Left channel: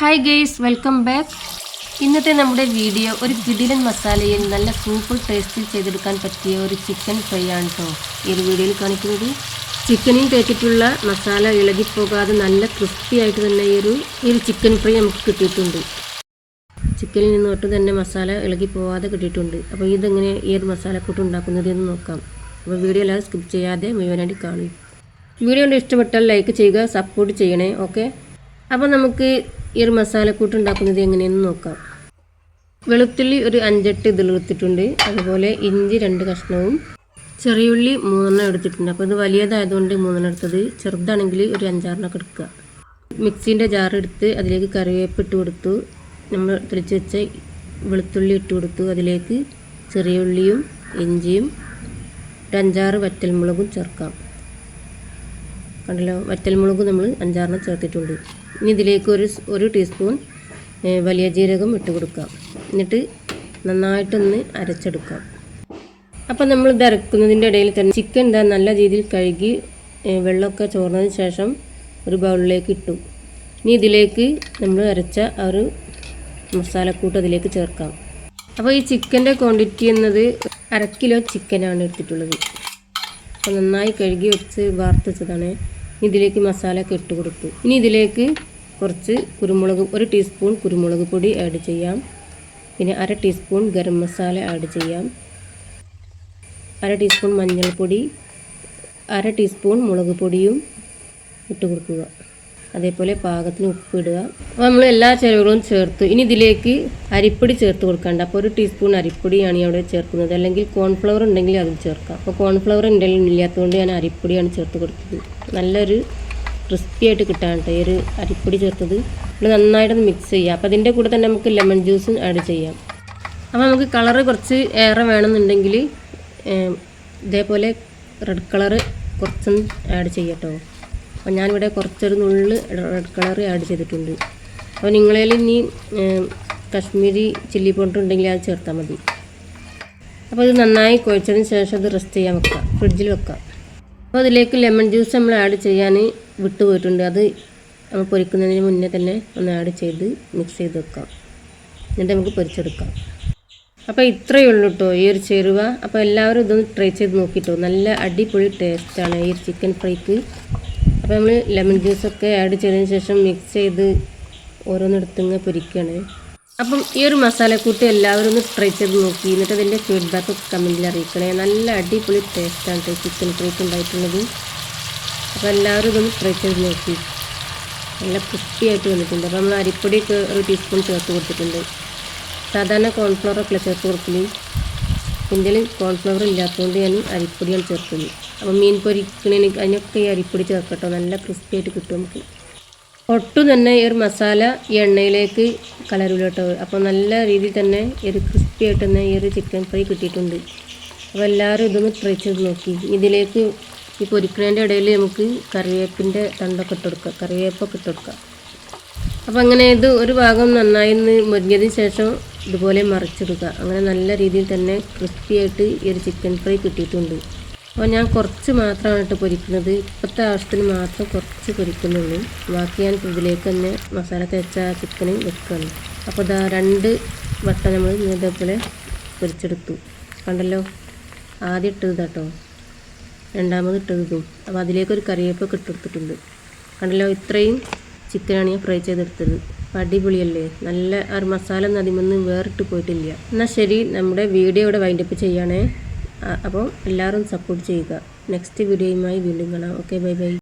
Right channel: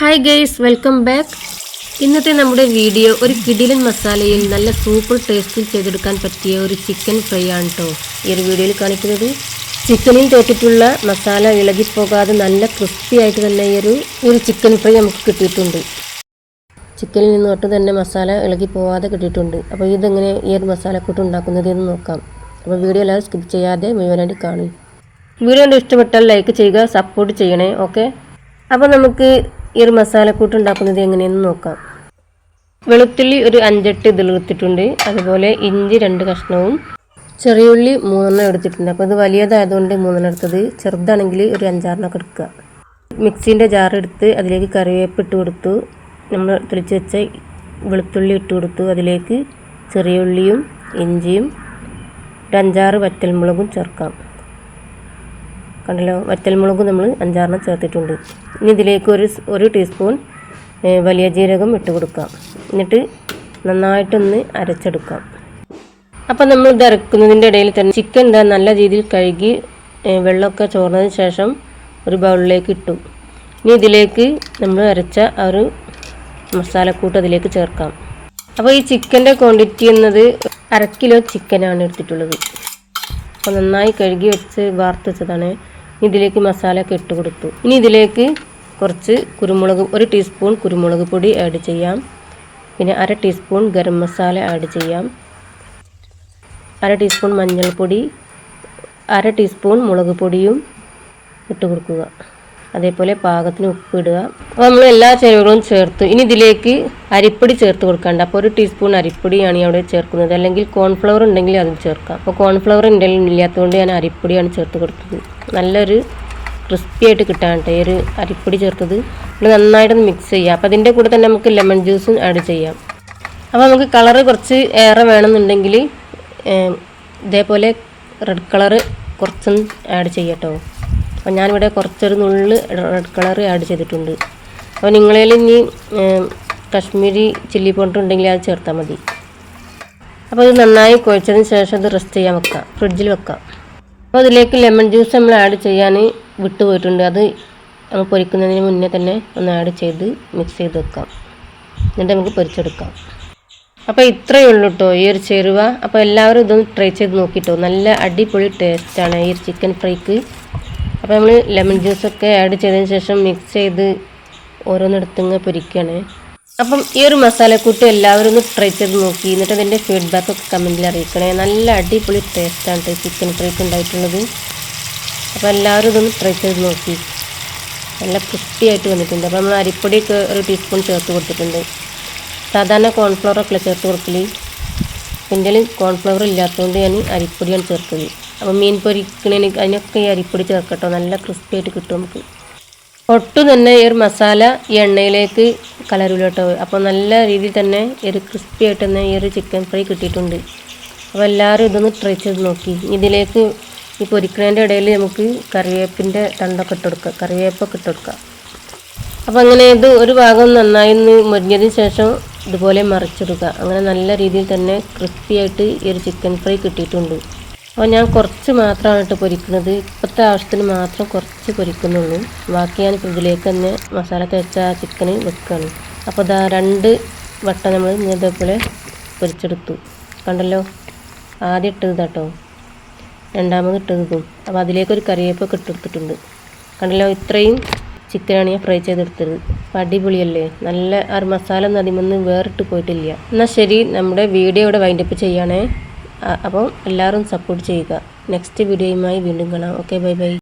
Hi guys welcome back ഇന്നത്തെ നമ്മുടെ video ഒരു കിടിലൻ മസാലയിൽ നല്ല സൂപ്പർ ടേസ്റ്റിൽ ചെയ്തെടുക്കാൻ പറ്റിയ ഒരു ചിക്കൻ ഫ്രൈ ആണ് കേട്ടോ ഈ ഒരു വീഡിയോയിൽ കാണിക്കുന്നത്. ചിക്കനിൽ തേച്ചിട്ടുള്ള മസാല ഇളകിപ്പോകാതെ നല്ല ക്രിസ്പി ആയിട്ട് തന്നെ ഈ ഒരു ഒരു ചിക്കൻ ഫ്രൈ നമുക്ക് കിട്ടിയിട്ടുണ്ട്. ചിക്കനിൽ നിന്ന് ഒട്ടും തന്നെ മസാല ഇളകി പോവാതെ കിട്ടിയിട്ടുണ്ട്. അപ്പോൾ ഇതെങ്ങനെ ഈ ഒരു മസാലക്കൂട്ട് ഉണ്ടാക്കുന്നത് എന്ന് നോക്കാം. അപ്പോൾ വീഡിയോ എല്ലാവരും സ്കിപ്പ് ചെയ്യാതെ മുഴുവനായിട്ട് കാണും വീഡിയോ ഇഷ്ടപ്പെട്ടാൽ ലൈക്ക് ചെയ്യുക സപ്പോർട്ട് ചെയ്യണേ ഓക്കെ അപ്പോൾ നമുക്ക് ഈ ഒരു മസാലക്കൂട്ട് ഉണ്ടാക്കുന്നത് എങ്ങനെയെന്ന് നോക്കാം. വെളുത്തുള്ളി ഒരു അഞ്ചെട്ട് ഇതിലെടുത്തിട്ടുണ്ട് അതുപോലെ ഇഞ്ചി രണ്ട് കഷ്ണവും ചെറിയുള്ളി മൂന്നെണ്ണം എടുത്തിട്ടുണ്ട്. അപ്പോൾ ഇത് വലിയതായതുകൊണ്ട് മൂന്നെണ്ണം എടുത്തത്. ചെറുതാണെങ്കിൽ ഒരു അഞ്ചാറെണ്ണമൊക്കെ എടുക്കുക. മിക്സീന്റെ ജാറെടുത്ത് അതിലേക്ക് കറിവേപ്പ് ഇട്ട് കൊടുത്തു. നമ്മൾ തെളിച്ച് വെച്ച വെളുത്തുള്ളി ഇട്ട് കൊടുത്തു. അതിലേക്ക് ചെറിയ ഉള്ളിയും ഇഞ്ചിയും ഒരു അഞ്ചാറ് വറ്റൽമുളകും ചേർക്കാം. കണ്ടല്ലോ വറ്റൽമുളക് നമ്മൾ അഞ്ചാറെണ്ണം ചേർത്തിട്ടുണ്ട്. ഇനി ഇതിലേക്ക് ഒരു ഒരു ടീസ്പൂൺ വലിയ ജീരകം ഇട്ട് കൊടുക്കാം. എന്നിട്ട് നന്നായിട്ടൊന്ന് അരച്ചെടുക്കാം. അപ്പം നമ്മൾ ഇത് അരക്കുന്നതിന്റെ ഇടയിൽ തന്നെ ചിക്കൻ എന്താ നല്ല രീതിയിൽ കഴുകി വെള്ളമൊക്കെ ചോർന്നതിന് ശേഷം ഒരു ബൗളിലേക്ക് ഇട്ടു. ഇനി ഇതിലേക്ക് നമ്മൾ അരച്ച ആ ഒരു മസാലക്കൂട്ട് അതിലേക്ക് ചേർക്കാം. അപ്പോൾ ഈ ചിക്കന്റെ ക്വാണ്ടിറ്റി എന്നത് അര കിലോ ചിക്കനാണ് എടുത്തിട്ടുള്ളത്. അപ്പോൾ നന്നായി കഴുകി വെച്ച് വാർത്ത് വെച്ചതാണ്. ഇതിലേക്ക് മസാല ഒക്കെ ഇട്ട് കൊടുത്തു. ഇനി ഇതിലേക്ക് കുറച്ച് കുരുമുളക് ഒരു ടീസ്പൂൺ കുരുമുളക് പൊടി ആഡ് ചെയ്യാം. പിന്നെ അര ടീസ്പൂൺ ഗരം മസാല ആഡ് ചെയ്യാം. അര ടീസ്പൂൺ മഞ്ഞൾപ്പൊടി അര ടീസ്പൂൺ മുളക് പൊടിയും ഇട്ട് കൊടുക്കുക. അതേപോലെ പാകത്തിന് ഉപ്പ് ഇടുക അപ്പോൾ നമ്മൾ എല്ലാ ചേരുവകളും ചേർത്ത്. ഇനി ഇതിലേക്ക് അരിപ്പൊടി ചേർത്ത് കൊടുക്കണ്ട അപ്പോൾ ഒരു ടീസ്പൂൺ അരിപ്പൊടിയാണ് ഞാൻ അവിടെ ചേർക്കുന്നത്. അല്ലെങ്കിൽ കോൺഫ്ലവർ ഉണ്ടെങ്കിൽ അതും ചേർക്കാം. അപ്പോൾ കോൺഫ്ലവർ ഉണ്ടെങ്കിലും ഇല്ലാത്തതുകൊണ്ട് ഞാൻ അരിപ്പൊടിയാണ് ചേർത്ത് കൊടുത്തത്. നല്ലൊരു ക്രിസ്പി ആയിട്ട് കിട്ടാൻ കേട്ടോ ഈ ഒരു അരിപ്പൊടി ചേർത്തത്. നമ്മൾ നന്നായിട്ടൊന്ന് മിക്സ് ചെയ്യാം. അപ്പോൾ അതിന്റെ കൂടെ തന്നെ നമുക്ക് ലെമൺ ജ്യൂസും ആഡ് ചെയ്യാം. അപ്പോൾ നമുക്ക് കളറ് കുറച്ച് ഏറെ വേണമെന്നുണ്ടെങ്കിൽ ഇതേപോലെ റെഡ് കളറ് കുറച്ചും ആഡ് ചെയ്യട്ടോ. അപ്പോൾ ഞാനിവിടെ കുറച്ചൊരു നുള്ളിൽ റെഡ് കളർ ആഡ് ചെയ്തിട്ടുണ്ട്. അപ്പോൾ നിങ്ങളിൽ ഇനി കാശ്മീരി ചില്ലി പൗഡർ ഉണ്ടെങ്കിൽ അത് ചേർത്താൽ മതി. അപ്പോൾ ഇത് നന്നായി കുഴച്ചതിന് ശേഷം അത് റെസ്റ്റ് ചെയ്യാൻ വെക്കാം. ഫ്രിഡ്ജിൽ വെക്കാം. അപ്പോൾ അതിലേക്ക് ലെമൺ ജ്യൂസ് നമ്മൾ ആഡ് ചെയ്യാൻ വിട്ടുപോയിട്ടുണ്ട് അത് നമ്മൾ പൊരിക്കുന്നതിന് മുന്നേ തന്നെ ഒന്ന് ആഡ് ചെയ്ത് മിക്സ് ചെയ്ത് വെക്കാം. എന്നിട്ട് നമുക്ക് പൊരിച്ചെടുക്കാം. അപ്പോൾ ഇത്രയേ ഉള്ളൂ കേട്ടോ ഈ ഒരു ചേരുവ. അപ്പോൾ എല്ലാവരും ഇതൊന്ന് ട്രൈ ചെയ്ത് നോക്കിയിട്ടോ നല്ല അടിപൊളി ടേസ്റ്റാണ് ഈ ചിക്കൻ ഫ്രൈക്ക് അപ്പോൾ നമ്മൾ ലെമൺ ജ്യൂസൊക്കെ ആഡ് ചെയ്തതിന് ശേഷം മിക്സ് ചെയ്ത് ഓരോന്നെടുത്തിങ്ങ് പൊരിക്കുകയാണ് അപ്പം ഈ ഒരു മസാലക്കൂട്ട് എല്ലാവരും ഒന്ന് ട്രൈ ചെയ്ത് നോക്കി. എന്നിട്ട് അതിന്റെ ഫീഡ്ബാക്കൊക്കെ കമന്റിൽ അറിയിക്കണേ. നല്ല അടിപൊളി ടേസ്റ്റാണ് ചിക്കൻ ഫ്രൈക്ക് ഉണ്ടായിട്ടുള്ളത്. അപ്പോൾ എല്ലാവരും ഇതൊന്ന് ട്രൈ ചെയ്ത് നോക്കി. നല്ല ക്രിസ്പി ആയിട്ട് വന്നിട്ടുണ്ട്. അപ്പോൾ നമ്മൾ അരിപ്പൊടിയൊക്കെ ഒരു ടീസ്പൂൺ ചേർത്ത് കൊടുത്തിട്ടുണ്ട്. സാധാരണ കോൺഫ്ലവറൊക്കെ ചേർത്ത് കൊടുക്കൽ? എന്റെ കോൺഫ്ലവർ ഇല്ലാത്തതുകൊണ്ട് ഞാൻ അരിപ്പൊടിയാണ് ചേർക്കൽ. അപ്പോൾ മീൻ പൊരിക്കണേന് അതിനൊക്കെ ഈ അരിപ്പൊടി ചേർക്കട്ടോ നല്ല ക്രിസ്പി ആയിട്ട് കിട്ടും നമുക്ക്. ഒട്ടും തന്നെ ഈ ഒരു മസാല ഈ എണ്ണയിലേക്ക് കലരൂല കേട്ടോ. അപ്പോൾ നല്ല രീതിയിൽ തന്നെ ഈ ഒരു ക്രിസ്പി ആയിട്ട് തന്നെ ഈ ഒരു ചിക്കൻ ഫ്രൈ കിട്ടിയിട്ടുണ്ട്. അപ്പോൾ എല്ലാവരും ഇതൊന്ന് ട്രൈ ചെയ്ത് നോക്കി. ഇതിലേക്ക് ഈ പൊരിക്കണേന്റെ ഇടയിൽ നമുക്ക് കറിവേപ്പിന്റെ തണ്ടൊക്കെ ഇട്ട് കൊടുക്കുക കറിവേപ്പൊക്കെ ഇട്ട് കൊടുക്കുക അപ്പോൾ അങ്ങനെ ഇത് ഒരു ഭാഗം നന്നായി ഒന്ന് മുരിഞ്ഞതിന് ശേഷം ഇതുപോലെ മറിച്ചിടുക. അങ്ങനെ നല്ല രീതിയിൽ തന്നെ ക്രിസ്പി ആയിട്ട് ഈ ഒരു ചിക്കൻ ഫ്രൈ കിട്ടിയിട്ടുണ്ട്. അപ്പോൾ ഞാൻ കുറച്ച് മാത്രമാണ് കേട്ടോ പൊരിക്കുന്നത്. ഇപ്പോഴത്തെ ആവശ്യത്തിന് മാത്രം കുറച്ച് പൊരിക്കുന്നുള്ളൂ. ബാക്കി ഞാൻ ഇതിലേക്ക് തന്നെ മസാല തേച്ച ചിക്കന് വെക്കുകയാണ് അപ്പോൾ ഇതാ രണ്ട് വട്ട നമ്മൾ ഇതേപോലെ പൊരിച്ചെടുത്തു. കണ്ടല്ലോ? ആദ്യം ഇട്ടത് കേട്ടോ രണ്ടാമത് ഇട്ടത് അപ്പോൾ അതിലേക്കൊരു കറിവേപ്പൊക്കെ ഇട്ടെടുത്തിട്ടുണ്ട് കണ്ടല്ലോ? ഇത്രയും ചിക്കനാണ് ഞാൻ ഫ്രൈ ചെയ്തെടുത്തത്. അടിപൊളിയല്ലേ? നല്ല ആ മസാല നദിമെന്ന് വേറിട്ട് പോയിട്ടില്ല. എന്നാൽ ശരി നമ്മുടെ വീഡിയോ ഇവിടെ വൈൻഡപ്പ് ചെയ്യണേ അപ്പോൾ എല്ലാവരും സപ്പോർട്ട് ചെയ്യുക. നെക്സ്റ്റ് വീഡിയോയുമായി വീണ്ടും കാണാം. Okay bye bye